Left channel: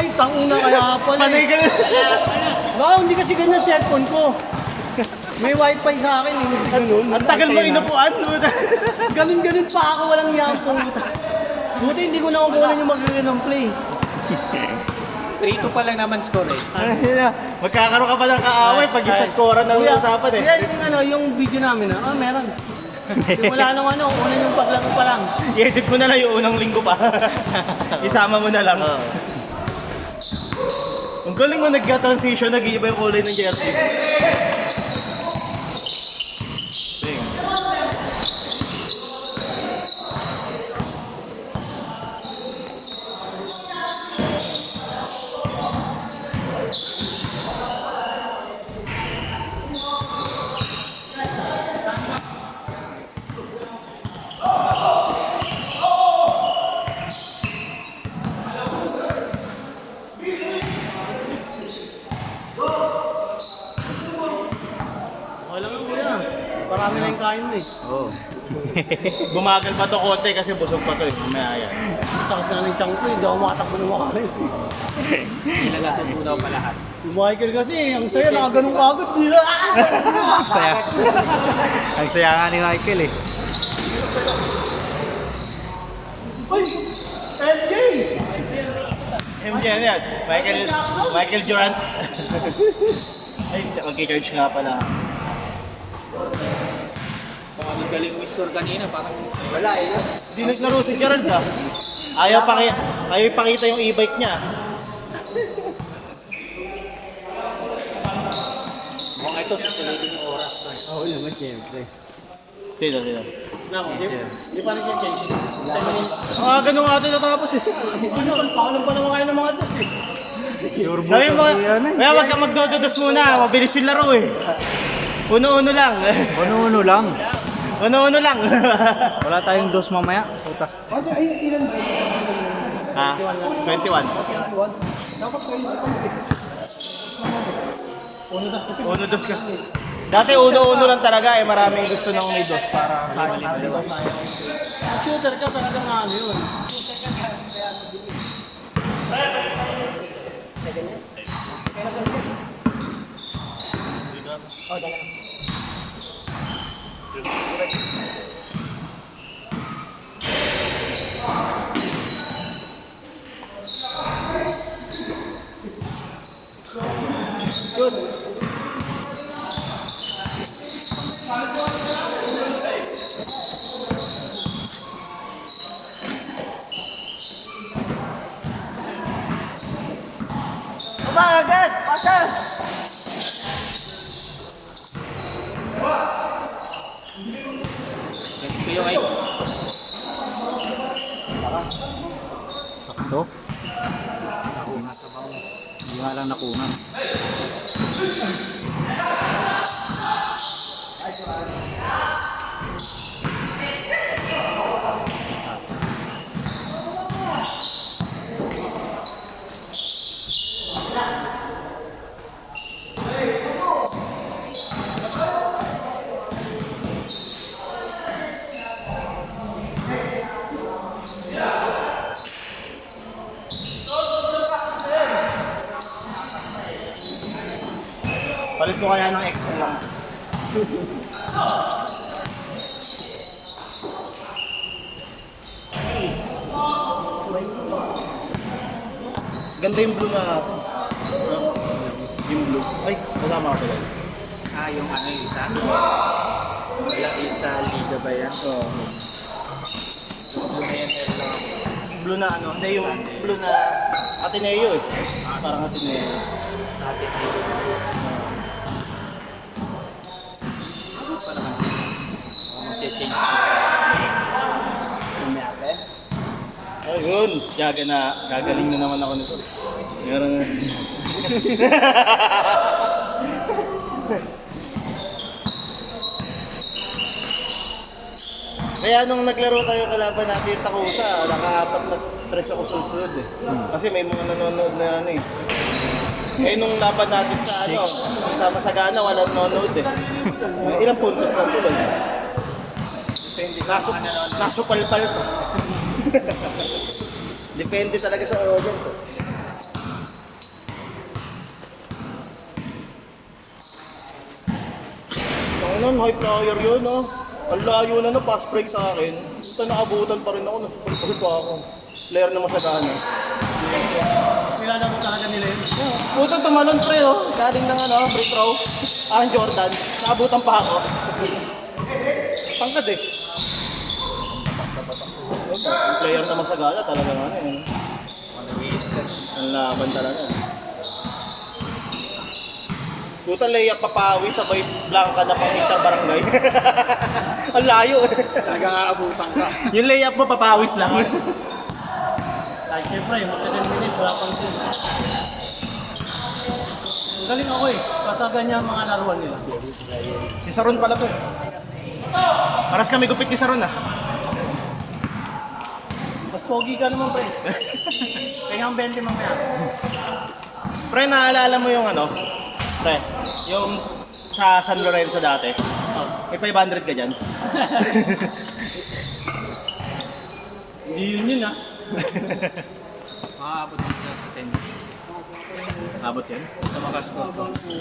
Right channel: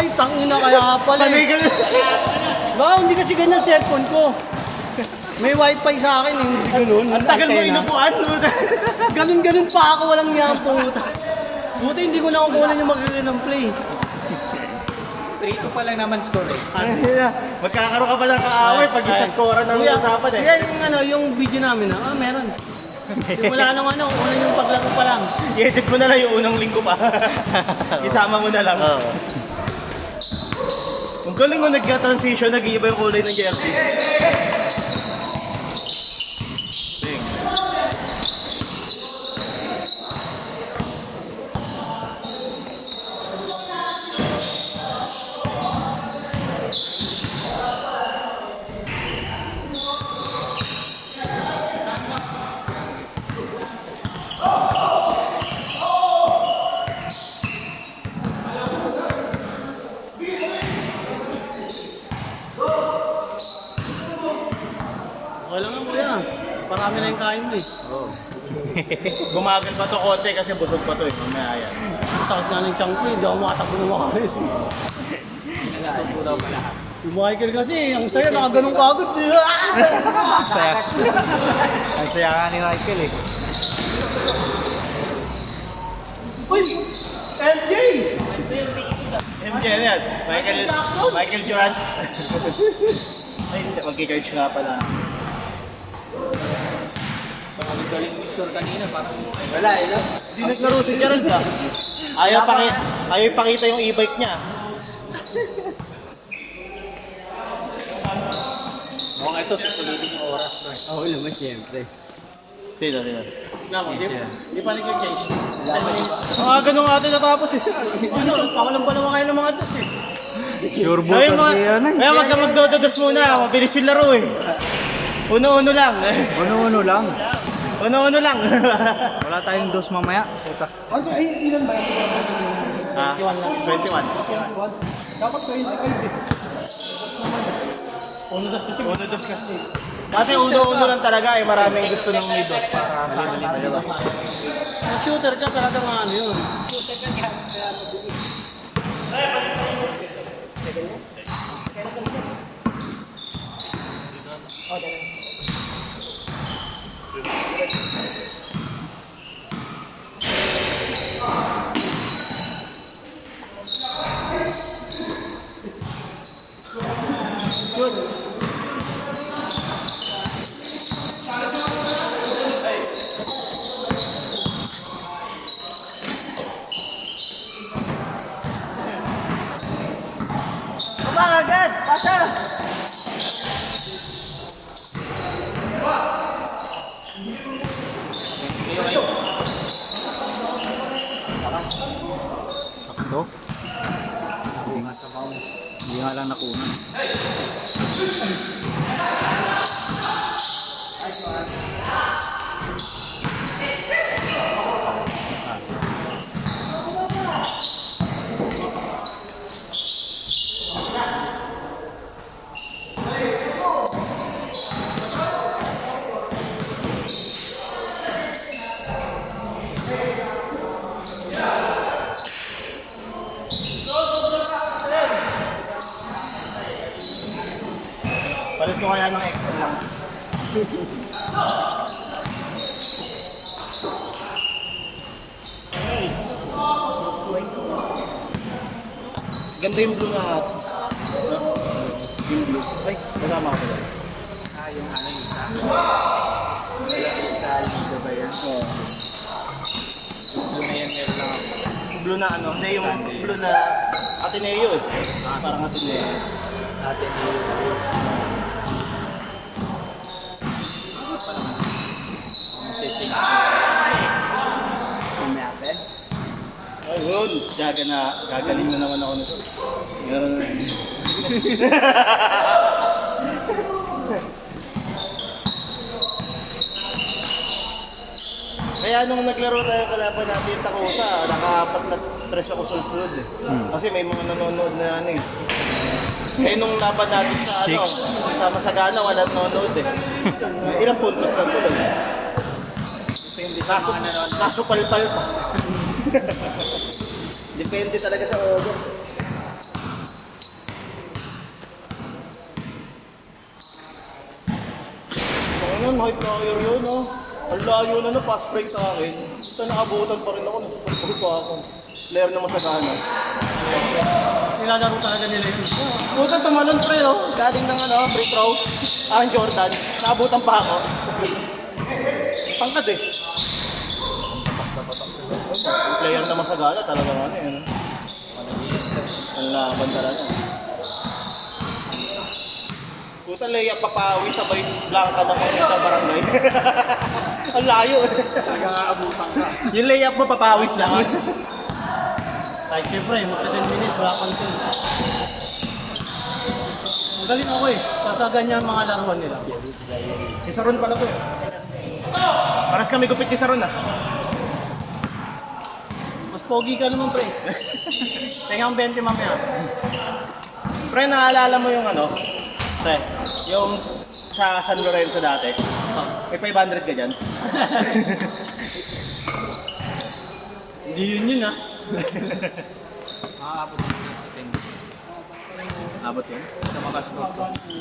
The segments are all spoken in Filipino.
Ay, tangina kaya pala. Panay ka na. Baka hindi kasi ganyan cellphone ko. May wifi sa akin eh, hindi ganun. Ang tagal mo inupuan. Ganun-ganun pa ako, walang yan po. Buti hindi ko nakukunan yung magiging ng play. 3-2 pa lang naman score eh. Magkakaroon ka pa ng kaaway pag isa score na Kuya, usapan eh. kuya, yung video namin meron. Simula nung una yung paglaro pa lang. I-edit mo na lang yung unang linggo pa. Isama mo na lang. Ang galing mo nagka-transition, nag-iiba yung kulay ng jersey. Walang kuya. Parami na yung kain mo eh. Oo. Gumagal pa to konti kasi busog pa to eh. Mamaya yan. Sakit na ng tiyan ko eh. Hindi ako makatakbo ng makaris eh. Kinalaan ko daw pa lahat. Yung Michael kasi, ang saya, nakaganong kagod. Ang saya. Ang saya nga ni Michael eh. Uy! LJ! MJ yan. Michael Durant. Ay, mag-charge nga pala. Parang galing mo score kanina. Wala eh. Hindi naglaro si Gerald ba? Ayaw ipakita yung e-bike niya. Mukhang ito, susulitin yung oras to. Oo naman, siyempre. Sila. Hindi pa nag-chase. Ganun nga ito natapos eh. Pakalam pa naman kayo ng mga dos eh. Sure Ay, wag ka magdododos muna. Mabilis yung laro eh. Uno-uno lang. Ano lang. Uno-uno lang. Wala tayong dos mamaya. Puta. Ay, ilan ba? 21. Dapat sa inyo Uno dos kasi. Dati uno-uno lang talaga eh. Maraming gusto ng may dos. shooter ka talaga nga ano yun. Agad! Pasal! Sakto. Nakungan sa baon. Hindi nga lang nakungan. Palit ko kaya ng XL lang. Ganda yung blue na atin. No? Yung blue. Ay, wala mga pala. Yung ano yung isa. Wala yung sa Liga ba yan? Oo. Lumayan lang ako. Blue na ano? Hindi, yung blue na Ateneo eh. Parang Ateneo. Mag-change. Kumape. Ayun, gagaling na naman ako nito. Yun. Kaya nung naglaro tayo kalaban natin yung Takusa, naka-apat na tres ako sunod-sunod eh. Kasi may mga nanonood na ano eh. Kaya nung laban natin sa ano, sa Masagana, walang nanonood eh. Ilang puntos lang tuloy. Nasupalpal pa. Depende talaga sa order. player yun, no? Ang layo na, no? Pass break sa akin. Ito, nakabutan pa rin ako. Nasa pa ako. Player na masagana. Nilalaro talaga nila yun. Puta, tumalon pre, oh. Galing ng ano, free throw. Parang Jordan. Naabutan pa ako. Pangkad eh. Player na masagana talaga nga ano. Ano laban talaga. Puta, layup papawi sabay langka na kamit ng barangay. Ang layo eh. Talagang aabutan ka. Yung layup mo papawis lang. Like, siyempre, matagal minutes, wala pang two. Magaling ako eh. Kasagan niya ang mga laruan nila. Si Saron pala to eh. Paras kami gupit ni Saron ah. Mas pogi ka naman, pre. Tingnan ang 20 mamaya. Pre, naalala mo yung ano? Pre, yung sa San Lorenzo dati. May 500 ka dyan. Hindi yun ah. Makaabot din sa 10 Abot yan. sa mga score.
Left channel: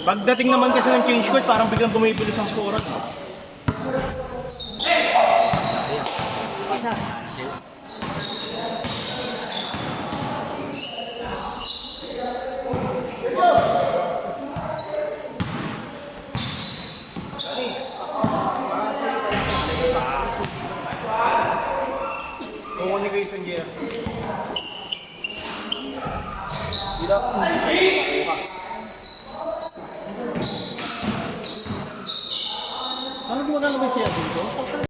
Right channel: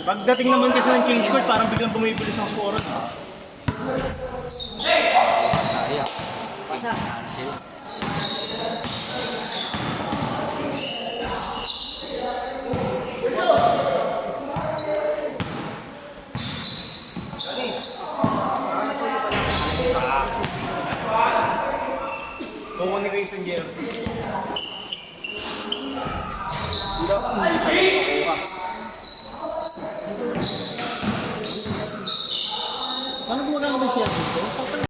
Pagdating naman kasi ng change court, parang biglang bumibilis ang score. Communication gear. Ano gumagana ba siya dito?